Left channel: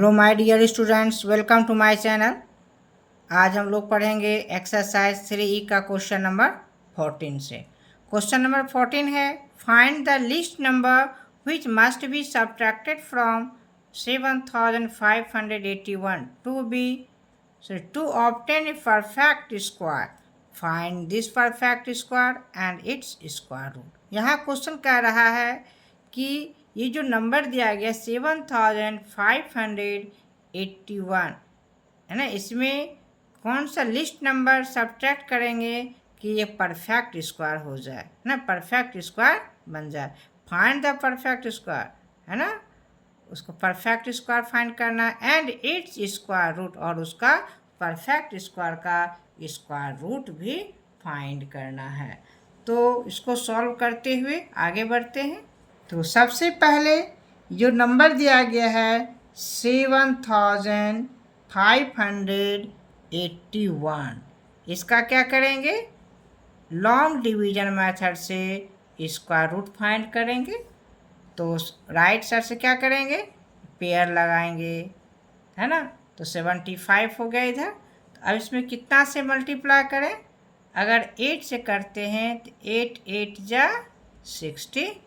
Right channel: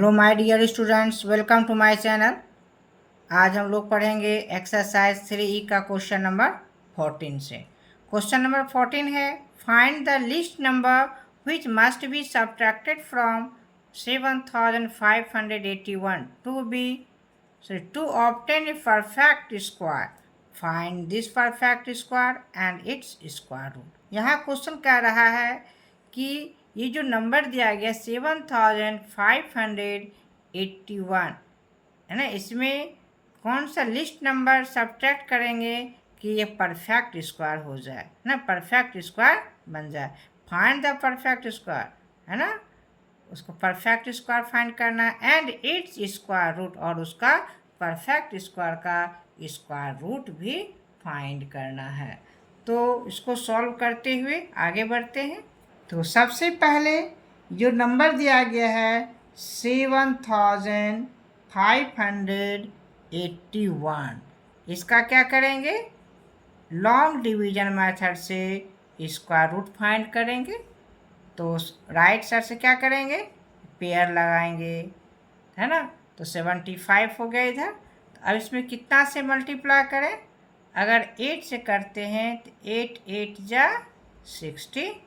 Hello my dear students, welcome to my channel. आज हम लोग पढ़ेंगे एक्सरसाइज 3E का क्वेश्चन नंबर 14 से। क्वेश्चन नंबर 14 है, find the list number which must be subtracted from 7581 to obtain a perfect square. Find this perfect square and its square root. यहाँ question कह रहा है कि ये जो नंबर दिया गया 7581 है ना, इसमें कौन सा लिस्ट नंबर सब्ट्रैक्ट करेंगे कि ये परफेक्ट स्क्वायर हो जाए ना, परफेक्ट स्क्वायर बन जाए। फाइंड द परफेक्ट स्क्वायर है ना, उसको परफेक्ट स्क्वायर फाइंड करना है एंड इट्स स्क्वायर रूट, और उसका परफेक्ट स्क्वायर का स्क्वायर रूट भी फाइंड करना है। तो इसको सॉल्व करते हुए आगे बढ़ते हैं। तो सबसे पहले जो नंबर दिया गया है 7581, इसका क्या करेंगे, लॉन्ग डिवीजन मेथड से स्क्वायर रूट फाइंड करेंगे। तो राइट साइड से क्या करेंगे, पेयर लगाएंगे है ना। तो 75 हो गया इधर। तो अब इसमें कितना से मल्टीप्लाई करें, अगर 8 से करते हैं तो 8 8 जा 64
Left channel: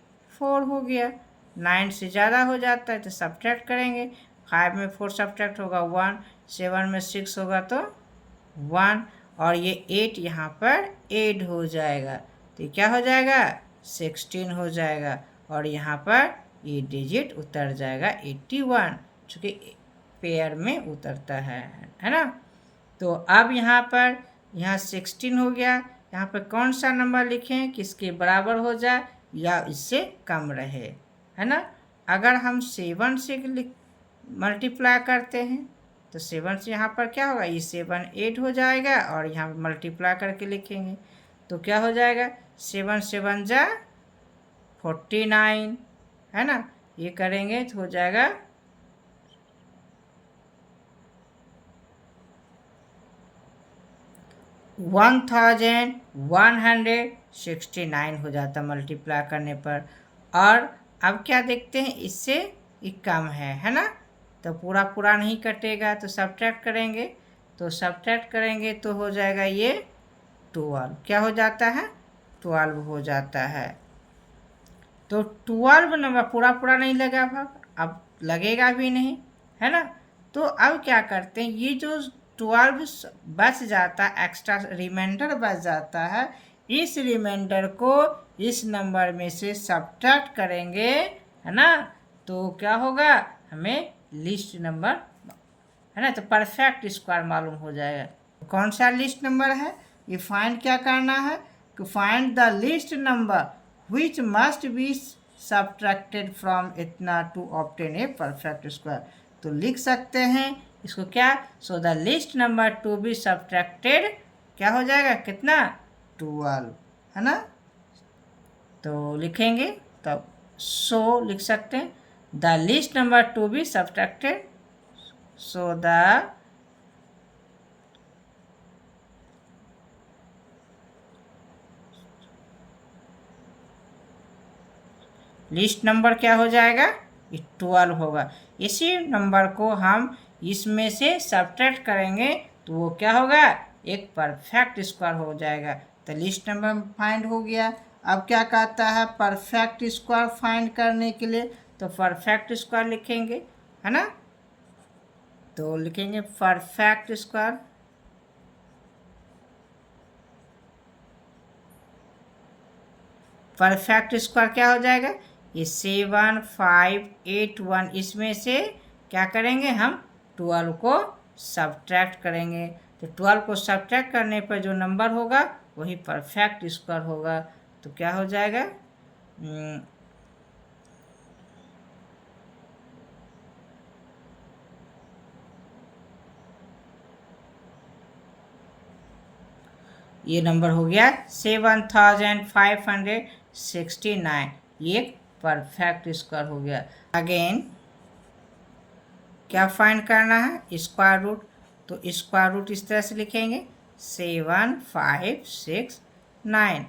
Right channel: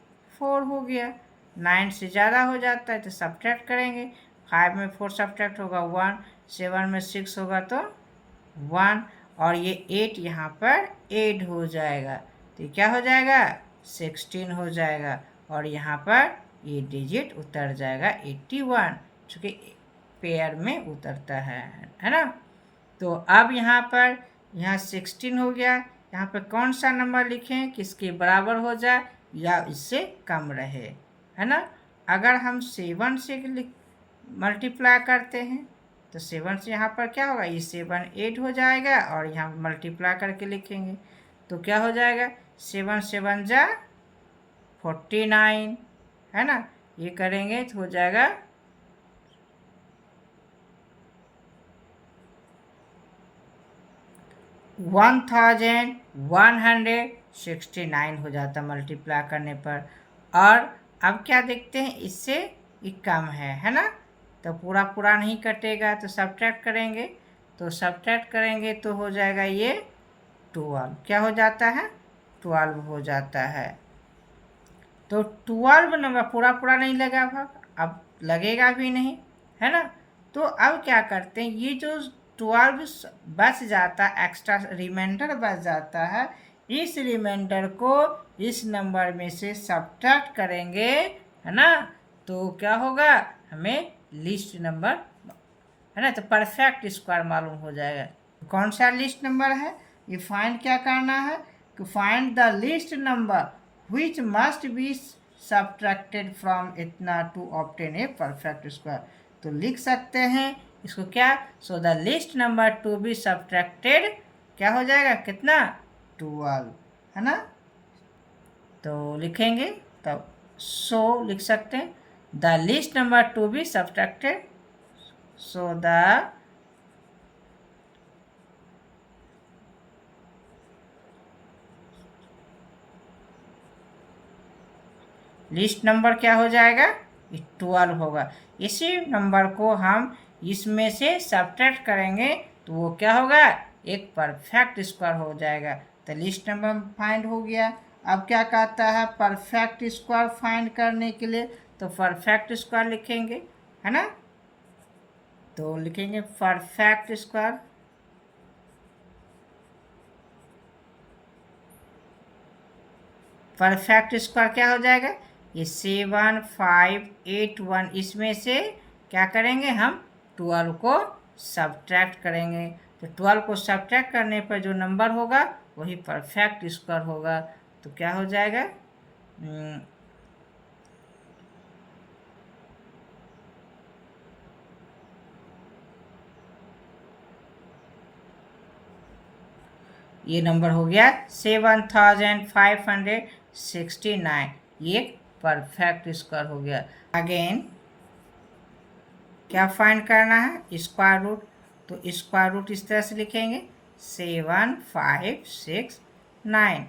हो गया। 9 से ज़्यादा हो जाता है तो सब्ट्रैक्ट करेंगे। 5 में 4 सब्ट्रैक्ट होगा 1, 7 में 6 होगा तो 1, और ये 8 यहाँ पर ऐड हो जाएगा तो क्या हो जाएगा 16 हो जाएगा, और यहाँ पर ये डिजिट उतर जाएगा 81, चूँकि पेयर में उतरता है ना। तो अब यहाँ पर 16 हो गया, यहाँ पर कौन सा नंबर लिखें कि इसके बराबर हो जाए या इससे कम रहे, है ना। अगर हम 7 से मल्टीप्लाई करते हैं तो 7 से यहाँ पर क्या होगा, ये 7 8 हो जाएगा, और यहाँ पर मल्टीप्लाई करके लिखेंगे तो क्या हो जाएगा 7 7 जा 49 है ना। ये करेंगे तो हो जाएगा 1169 हो जाता मल्टीप्लाई करने पर। और अब क्या देखते हैं, इससे ये कम है ना, तो पूरा पूरा नहीं कटेगा तो सब्ट्रैक्ट करेंगे। तो सब्ट्रैक्ट करेंगे तो हो जाएगा ये 12, क्या हो जाता है 12 हो जाता है। तो 12 नंबर पूरा पूरा नहीं लगा भाग, अब लगेगा भी नहीं है ना। तो अब क्या करते हैं, ये जो 12 बच जाता है, एक्स्ट्रा रिमाइंडर बच जाता है, इस रिमाइंडर को इस नंबर में से सब्ट्रैक्ट करेंगे है ना। तो क्या होगा, हमें लिस्ट नंबर है ना, तो परफेक्ट स्क्वायर मालूम हो जाएगा। कौन सा लिस्ट नंबर है, ये फाइंड क्या करना है कि find the list number which must be subtracted from इतना to obtain a perfect square। तो लिख सकते हैं इसको क्या, सो the list number to be subtracted क्या हो जाएगा, कितना 12 है ना। तो लिखेंगे तब सो लिख सकते हैं the list number to be subtracted, so the list number क्या हो जाएगा, 12 होगा। इसी नंबर को हम इसमें से सब्ट्रैक्ट करेंगे तो वो क्या होगा, एक परफेक्ट स्क्वायर हो जाएगा। तो लिस्ट नंबर फाइंड हो गया। अब क्या कहता है, परफेक्ट स्क्वायर फाइंड करने के लिए तो परफेक्ट स्क्वायर लिखेंगे है ना। तो लिखेंगे परफेक्ट स्क्वायर, परफेक्ट स्क्वायर क्या हो जाएगा, ये 7581, इसमें से क्या करेंगे हम 12 को सब्ट्रैक्ट करेंगे। तो 12 को सब्ट्रैक्ट करने पर जो नंबर होगा वही परफेक्ट स्क्वायर होगा। तो क्या हो जाएगा, ये नंबर हो गया 7569, ये परफेक्ट स्क्वायर हो गया। अगेन क्या फाइंड करना है, स्क्वायर रूट। तो स्क्वायर रूट इस तरह से लिखेंगे 7569।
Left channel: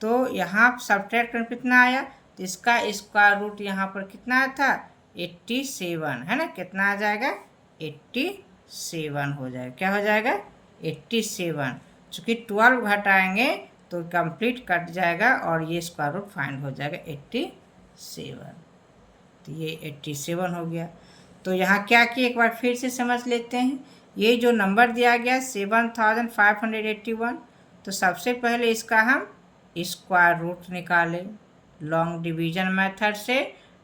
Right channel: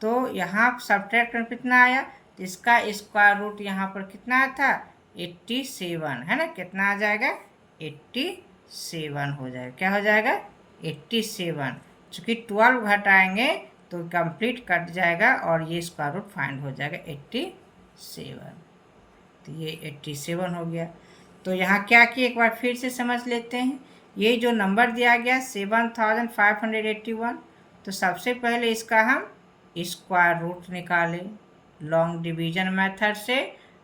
तो यहाँ सब्ट्रैक्ट में कितना आया, तो इसका स्क्वायर रूट यहाँ पर कितना था 87 है ना, कितना आ जाएगा 87 हो जाएगा, क्या हो जाएगा 87। चूँकि 12 घटाएंगे तो कंप्लीट कट जाएगा और ये स्क्वायर रूट फाइंड हो जाएगा 87। तो ये 87 हो गया। तो यहाँ क्या किए एक बार फिर से समझ लेते हैं। ये जो नंबर दिया गया 7581, तो सबसे पहले इसका हम स्क्वायर रूट निकालें लॉन्ग डिवीजन मेथड से,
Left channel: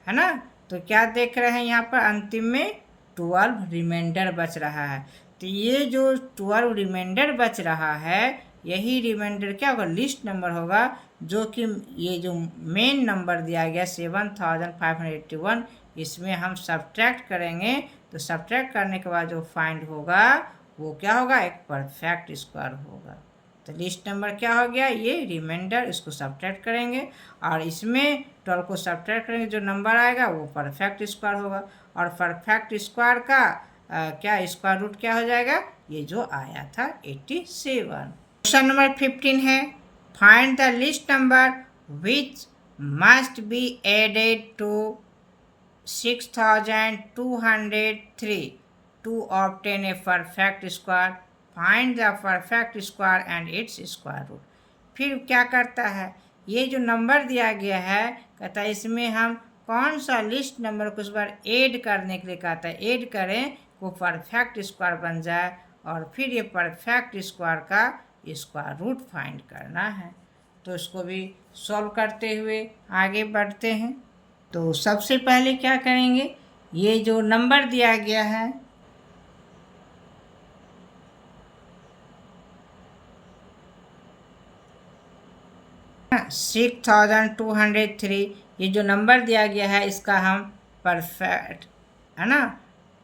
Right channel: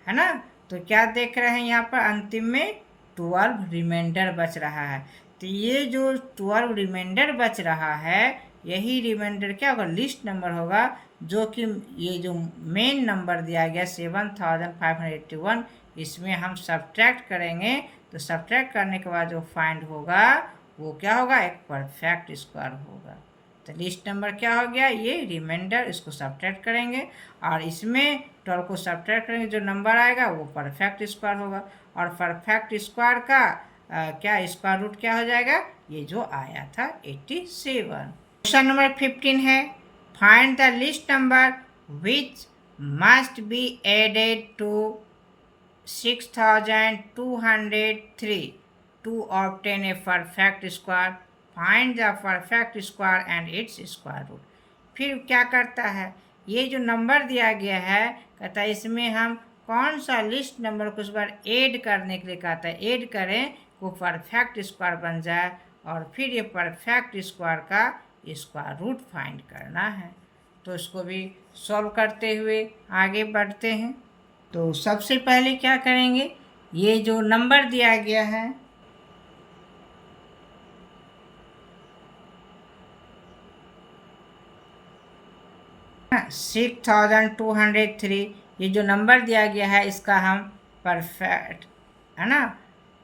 है ना। तो क्या देख रहे हैं यहाँ पर अंतिम में 12 रिमाइंडर बच रहा है। तो ये जो 12 रिमाइंडर बच रहा है, यही रिमाइंडर क्या होगा, लिस्ट नंबर होगा, जो कि ये जो मेन नंबर दिया गया 7581, इसमें हम सब्ट्रैक्ट करेंगे। तो सब्ट्रैक्ट करने के बाद जो फाइंड होगा वो क्या होगा, एक परफेक्ट स्क्वायर होगा। तो लिस्ट नंबर क्या हो गया, ये रिमाइंडर, इसको सब्ट्रैक्ट करेंगे और इसमें 12 को सब्ट्रैक्ट करेंगे, जो नंबर आएगा वो परफेक्ट स्क्वायर होगा। और परफेक्ट स्क्वायर का क्या स्क्वायर रूट क्या हो जाएगा, ये जो आया था 87। क्वेश्चन नंबर 15 है, find the list number which must be added to 6203 to obtain a perfect square. Find the perfect square and its square root. फिर क्या करता है, ये जो नंबर दिया गया है, कहता है इसमें हम कौन सा लिस्ट नंबर को इस बार ऐड करने के लिए कहता है, ऐड करें वो परफेक्ट स्क्वायर बन जाए और फिर ये परफेक्ट स्क्वायर का स्क्वायर रूट फाइंड करना है। तो इसको भी सॉल्व करते हुए आगे बढ़ते हैं। तो सबसे पहले क्या करेंगे, ये जो नंबर दिया गया है हाँ, 6203, ये जो नंबर दिया गया है इसका हम परफेक्ट, है ना,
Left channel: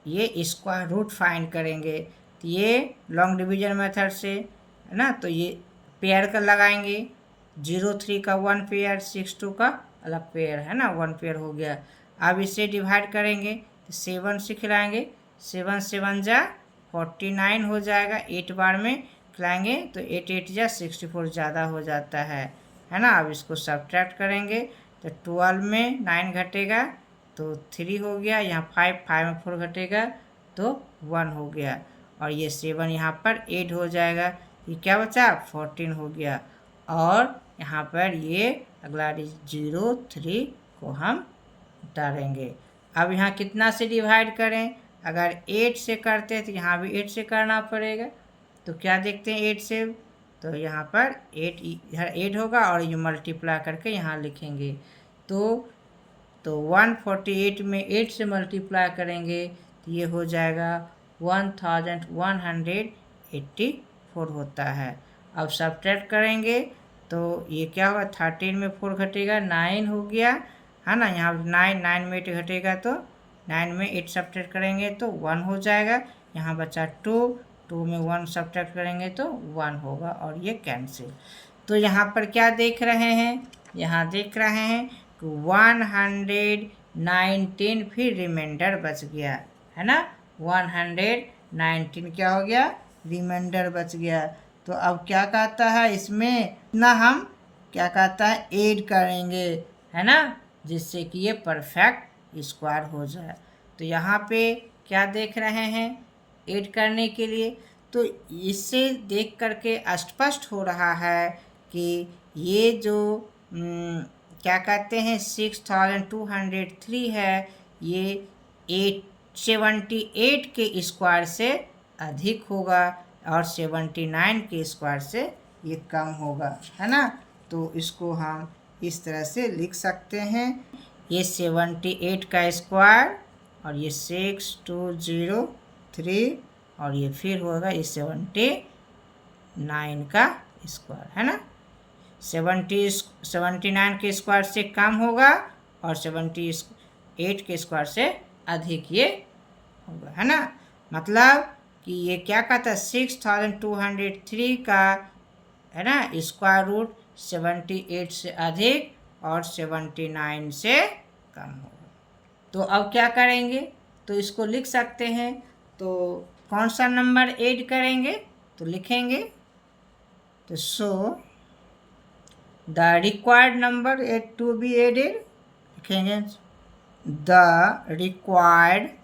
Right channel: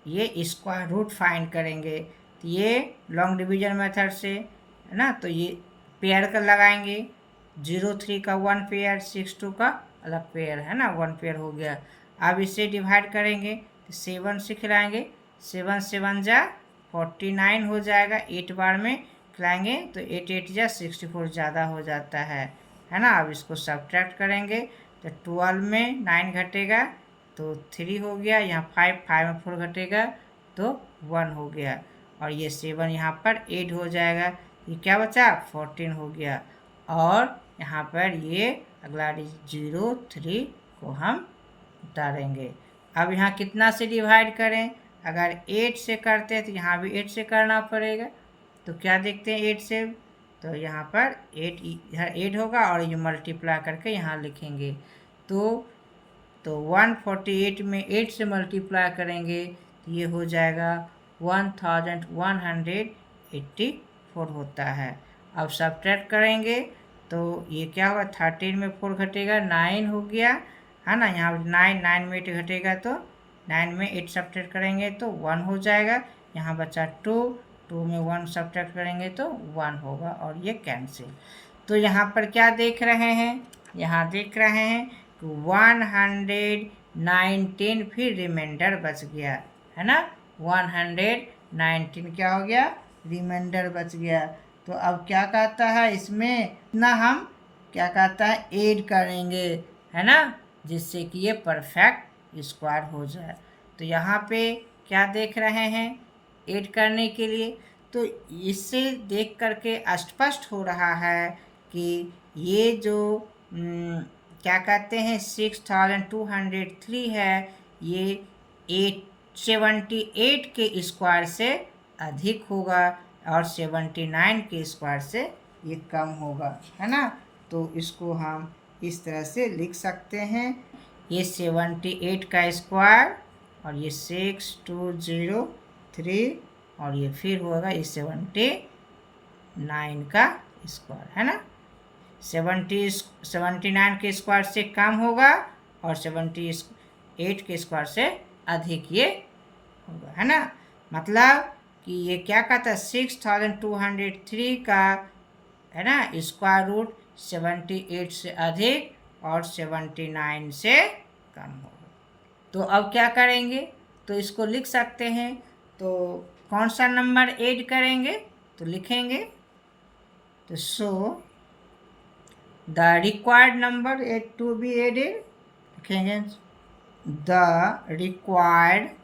ये स्क्वायर रूट फाइंड करेंगे। तो ये लॉन्ग डिवीजन मेथड से, है ना, तो ये पेयर का लगाएंगे, 03 का 1 पेयर, 62 का अलग पेयर, है ना, 1 पेयर हो गया। अब इसे डिवाइड करेंगे तो 7 से खिलाएंगे, 7 7 जा 49 हो जाएगा, 8 बार में खिलाएंगे तो 8 8 जा 64 ज़्यादा हो जाता है ना। अब इसको सब्ट्रैक्ट करेंगे तो 12 में 9 घटेगा तो 3 हो गया, यहाँ 5 में 4 घटेगा तो 1 हो गया, और ये 7 यहाँ पर 8 हो जाएगा, ये क्या बचा 14 हो गया। और यहाँ पर ये अगला 03 को हम उतारेंगे। अब यहाँ कितना से डिवाइड करें, अगर 8 से करते हैं तो यहाँ भी 8 से करना पड़ेगा। तो क्या देखते हैं 8 से, तो यहाँ पर 8 इधर 8 होगा और ये मल्टीप्लाई करके यहाँ लिखेंगे। तो 148 में 8 से मल्टीप्लाई करेंगे तो ये हो जाएगा 1184 होता है। अब सब्ट्रैक्ट करेंगे तो ये क्या होगा, 13 में 4 घटेगा 9 हो गया, है ना, यहाँ 9 में 8 घटेगा तो 9 में 8 सब्ट्रैक्ट करेंगे तो 1 हो जाएगा, यहाँ बचा 2 में 1 सब्ट्रैक्ट करेंगे तो 1 होगा और ये कैंसिल। तो यहाँ पर क्या देख रहे हैं, यहाँ देख रहे हैं कि 119 फिर रिमाइंडर बच गया, है ना, 119 क्या हो गया, रिमाइंडर बच गया। तो अब क्या कहता है इसमें इतना हम क्या कहता है ऐड करेंगे, है ना, जिससे कि ये परफेक्ट स्क्वायर हो जाए। तो यहाँ पे क्या देख रहे हैं ऐड करने के लिए, तो इससे देख करके स्पष्ट हो रहा है कि ये जो क्या कहते हैं 6203 है, ये 878 के स्क्वायर से अधिक होगा और 79 के स्क्वायर से ये कम होगा, है ना। तो इसको हम इस तरह से लिख सकते हैं, ये 78 का स्क्वायर और ये 6203 और ये फिर होगा ये 79 का स्क्वायर, है ना। 79 के स्क्वायर से कम होगा और 78 के स्क्वायर से अधिक ये होगा, है ना। मतलब कि ये क्या कहता है 6203 का, है ना, स्क्वायर रूट 78 से अधिक और 79 से कम होगा। तो अब क्या करेंगे, तो इसको लिख सकते हैं। तो कौन सा नंबर ऐड करेंगे, तो लिखेंगे तो so the required number to be added, लिखेंगे the required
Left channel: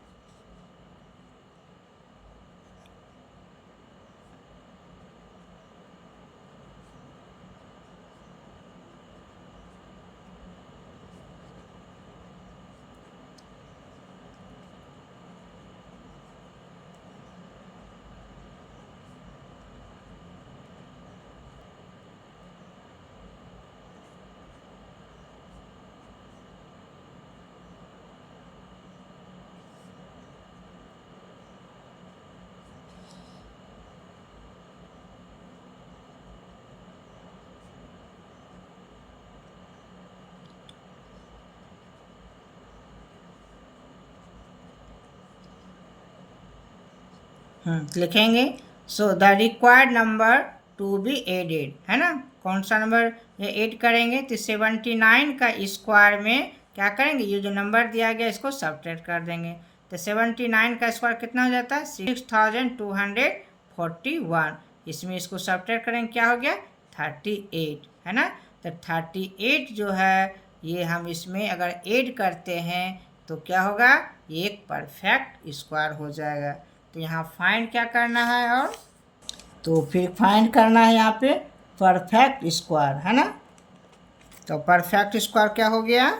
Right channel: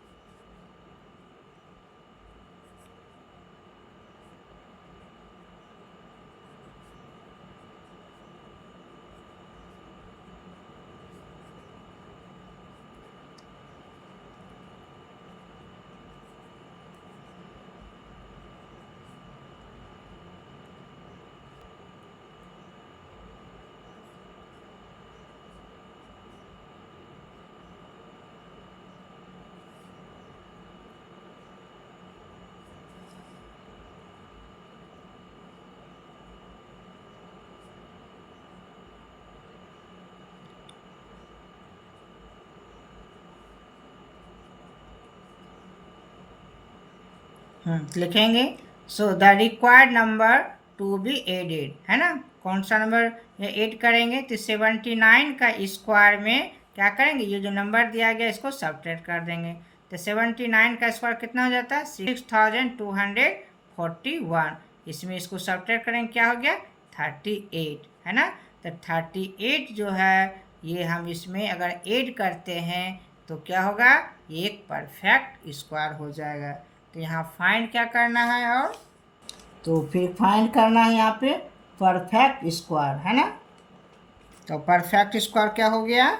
लिखेंगे। So the required number to be added, है ना, कौन सा नंबर ये ऐड करेंगे, तो 79 का स्क्वायर में क्या करेंगे, ये जो नंबर दिया गया इसको सब्ट्रैक्ट कर देंगे। तो 79 का स्क्वायर कितना हो जाता है, 6241। इसमें इसको सब्ट्रैक्ट करेंगे, क्या हो गया, 38, है ना। तो 38 जो है ये हम इसमें अगर ऐड करते हैं तो क्या होगा, ये एक परफेक्ट स्क्वायर हो जाएगा। तो यहाँ फाइंड क्या करना है, और तो फिर फाइंड करना है यहाँ पे परफेक्ट स्क्वायर, है ना। तो परफेक्ट स्क्वायर क्या हो गया,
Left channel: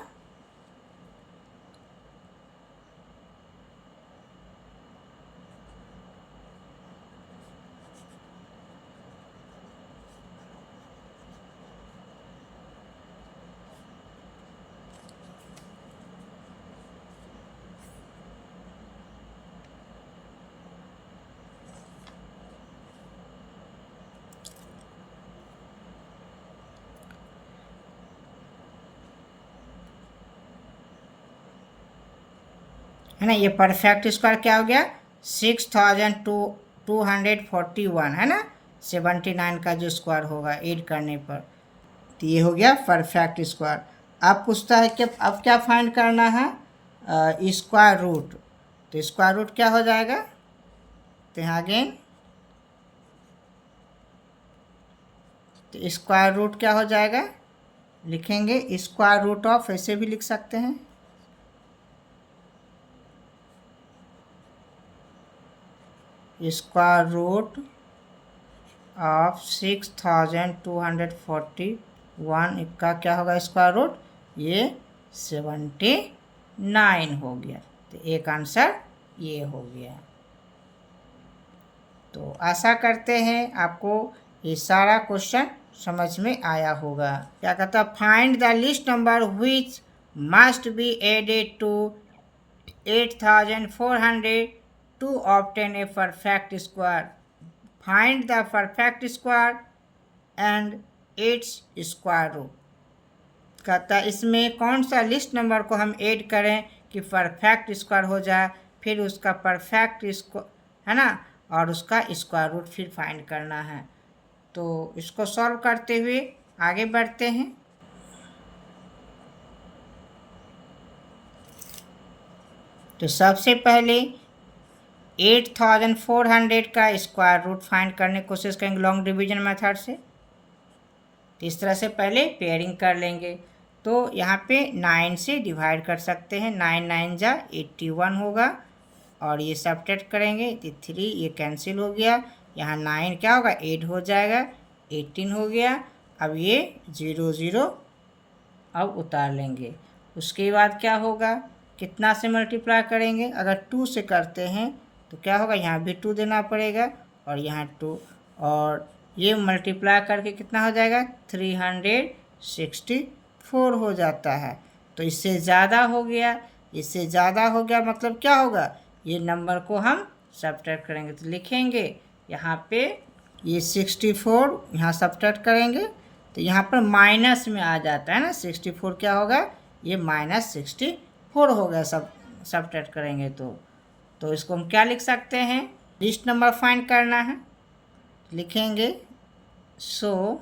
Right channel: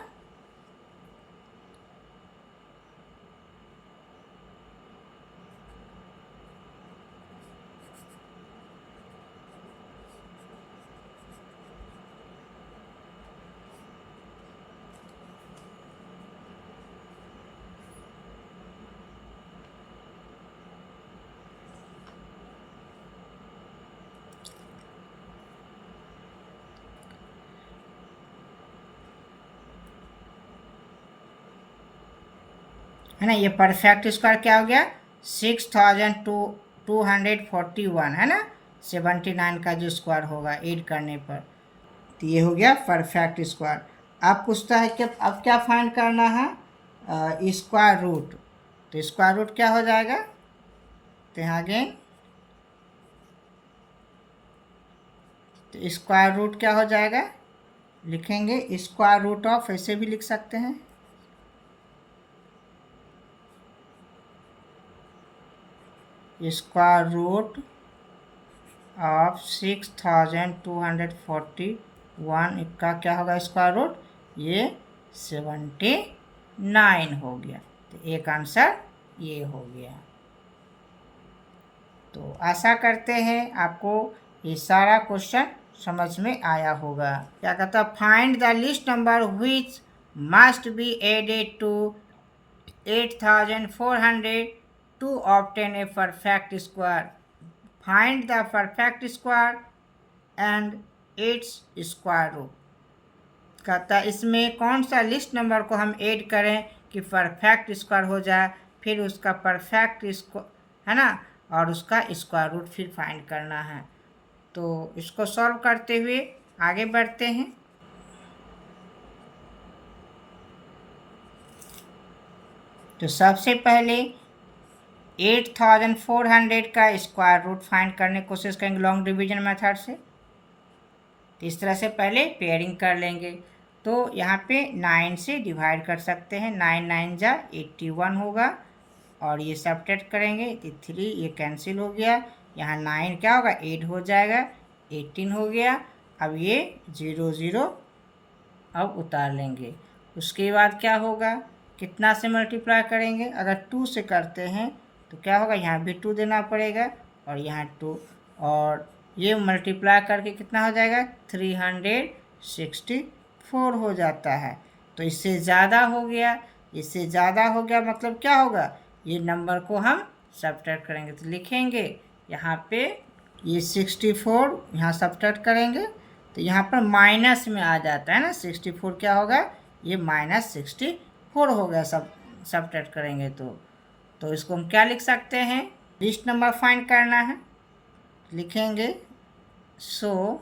है ना। ये परफेक्ट स्क्वायर क्या हो गया, 6241, है ना। 79 का जो स्क्वायर होगा ऐड करने पर, तो ये हो गया परफेक्ट स्क्वायर। अब पूछता है कि अब क्या फाइंड करना है, स्क्वायर रूट। तो स्क्वायर रूट क्या हो जाएगा, तो यहाँ अगेन तो स्क्वायर रूट क्या हो जाएगा, लिखेंगे स्क्वायर रूट ऑफ, ऐसे भी लिख सकते हैं, स्क्वायर रूट ऑफ 6241 का क्या होगा स्क्वायर रूट, ये 79 हो गया। तो एक आंसर ये हो गया। तो आशा करते हैं आपको ये सारा क्वेश्चन समझ में आया होगा। क्या कहता है, find the list number which must be added to 8400 to obtain a perfect square. Find the perfect square and its square root. कहता है इसमें कौन सा लिस्ट नंबर को हम ऐड करें कि परफेक्ट स्क्वायर हो जाए, फिर उसका परफेक्ट स्क्वायर, है ना, और उसका स्क्वायर रूट फिर फाइंड करना है। तो इसको सॉल्व करते हुए आगे बढ़ते हैं। तो सबसे पहले 8400 का स्क्वायर रूट फाइंड करने की कोशिश करेंगे लॉन्ग डिवीजन मेथड से। तो इस तरह से पहले पेयरिंग कर लेंगे। तो यहाँ पे 9 से डिवाइड कर सकते हैं, 9 9 जा 81 होगा, और ये सब्ट्रैक्ट करेंगे तो 3 ये कैंसिल हो गया, यहाँ 9 क्या होगा 8 हो जाएगा, 18 हो गया। अब ये 0 0 अब उतार लेंगे। उसके बाद क्या होगा, कितना से मल्टीप्लाई करेंगे, अगर 2 से करते हैं तो क्या होगा, यहाँ भी 2 देना पड़ेगा और यहाँ 2, और ये मल्टीप्लाई करके कितना हो जाएगा 364 हो जाता है। तो इससे ज़्यादा हो गया, इससे ज़्यादा हो गया मतलब क्या होगा, ये नंबर को हम सब्ट्रैक्ट करेंगे। तो लिखेंगे यहाँ पे ये 64 यहाँ सब्ट्रैक्ट करेंगे तो यहाँ पर माइनस में आ जाता है ना, 64 क्या होगा, ये -64 हो गया, सब्ट्रैक्ट करेंगे तो इसको हम क्या लिख सकते हैं, लिस्ट नंबर फाइंड करना है, लिखेंगे so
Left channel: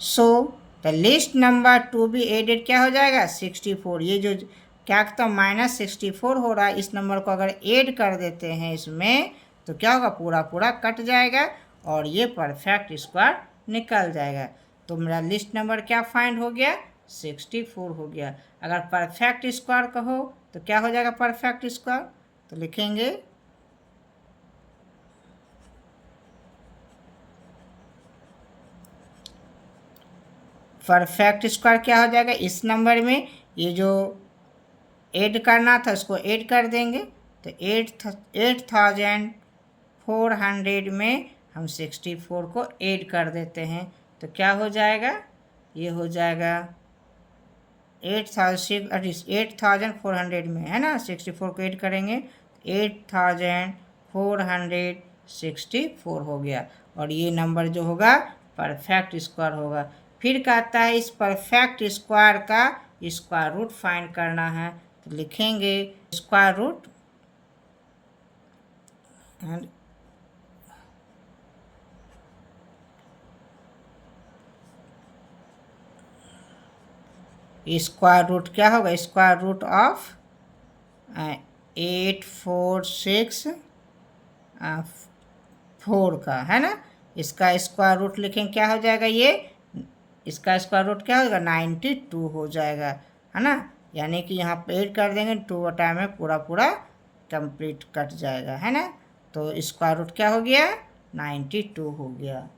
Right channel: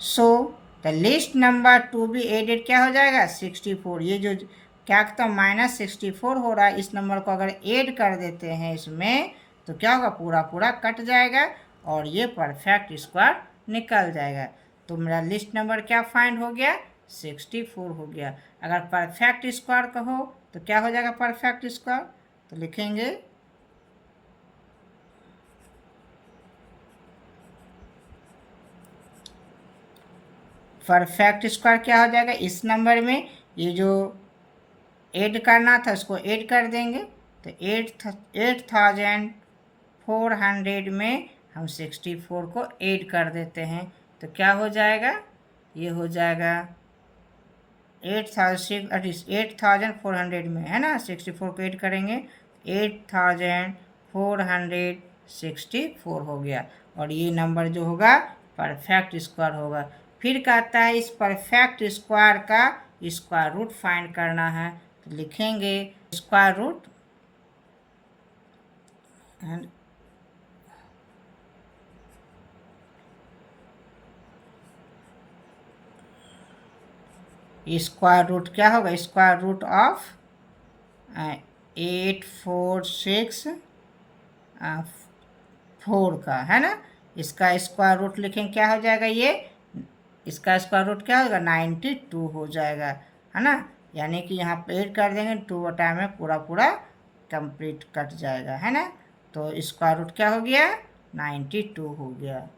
so the list number to be added क्या हो जाएगा 64। ये जो क्या तो -64 हो रहा है, इस नंबर को अगर ऐड कर देते हैं इसमें तो क्या होगा, पूरा पूरा कट जाएगा और ये परफेक्ट स्क्वायर निकल जाएगा। तो मेरा लिस्ट नंबर क्या फाइंड हो गया, 64 हो गया। अगर परफेक्ट स्क्वायर कहो तो क्या हो जाएगा परफेक्ट स्क्वायर, तो लिखेंगे परफेक्ट स्क्वायर क्या हो जाएगा, इस नंबर में ये जो ऐड करना था उसको ऐड कर देंगे। तो 8400 में हम 64 को ऐड कर देते हैं तो क्या हो जाएगा, ये हो जाएगा 8400 में, है ना, 64 को ऐड करेंगे 8464 हो गया और ये नंबर जो होगा परफेक्ट स्क्वायर होगा। फिर कहता है इस परफेक्ट स्क्वायर का स्क्वायर रूट फाइंड करना है, तो लिखेंगे स्क्वायर रूट स्क्वायर रूट क्या होगा, स्क्वायर रूट ऑफ 8464 का, है ना। इसका स्क्वायर रूट लिखेंगे क्या हो जाएगा, ये इसका स्क्वायर रूट क्या होगा 92 हो जाएगा, है ना। यानी कि यहाँ पे ऐड कर देंगे 2 टाइम में पूरा पूरा कंप्लीट कट जाएगा, है ना। तो स्क्वायर रूट क्या हो गया 92 हो गया।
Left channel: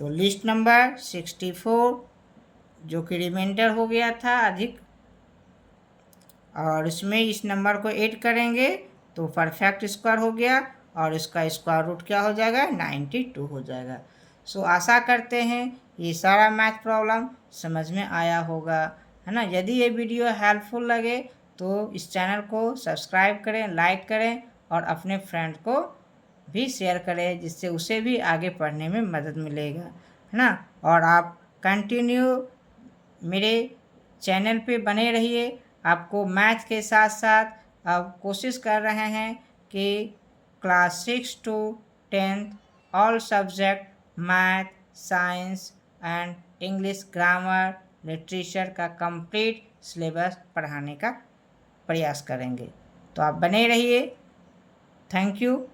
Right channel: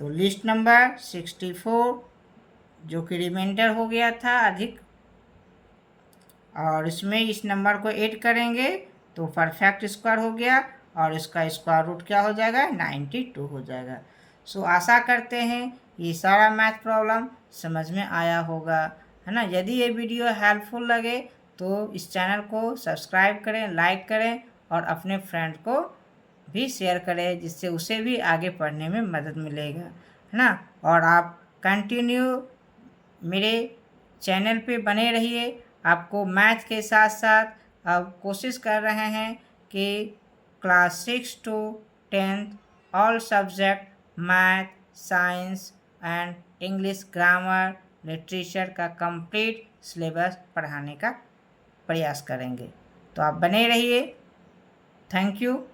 तो लिस्ट नंबर 64 जो कि रिमाइंडर हो गया था अधिक, और इसमें इस नंबर को ऐड करेंगे तो परफेक्ट स्क्वायर हो गया और इसका स्क्वायर रूट क्या हो जाएगा 92 हो जाएगा। सो आशा करते हैं ये सारा मैथ प्रॉब्लम समझ में आया होगा, है ना। यदि ये वीडियो हेल्पफुल लगे तो इस चैनल को सब्सक्राइब करें, लाइक करें और अपने फ्रेंड को भी शेयर करें जिससे उसे भी आगे पढ़ने में मदद मिलेगा, है ना। और आप कंटिन्यू मेरे चैनल पे बने रहिए। आपको मैथ के साथ साथ अब कोशिश कर रहे हैं कि class 6 to 10th all subject math, science and English, grammar, literature का कंप्लीट सिलेबस पढ़ाने का प्रयास करेंगे। तो आप बने रहिए। Thank you.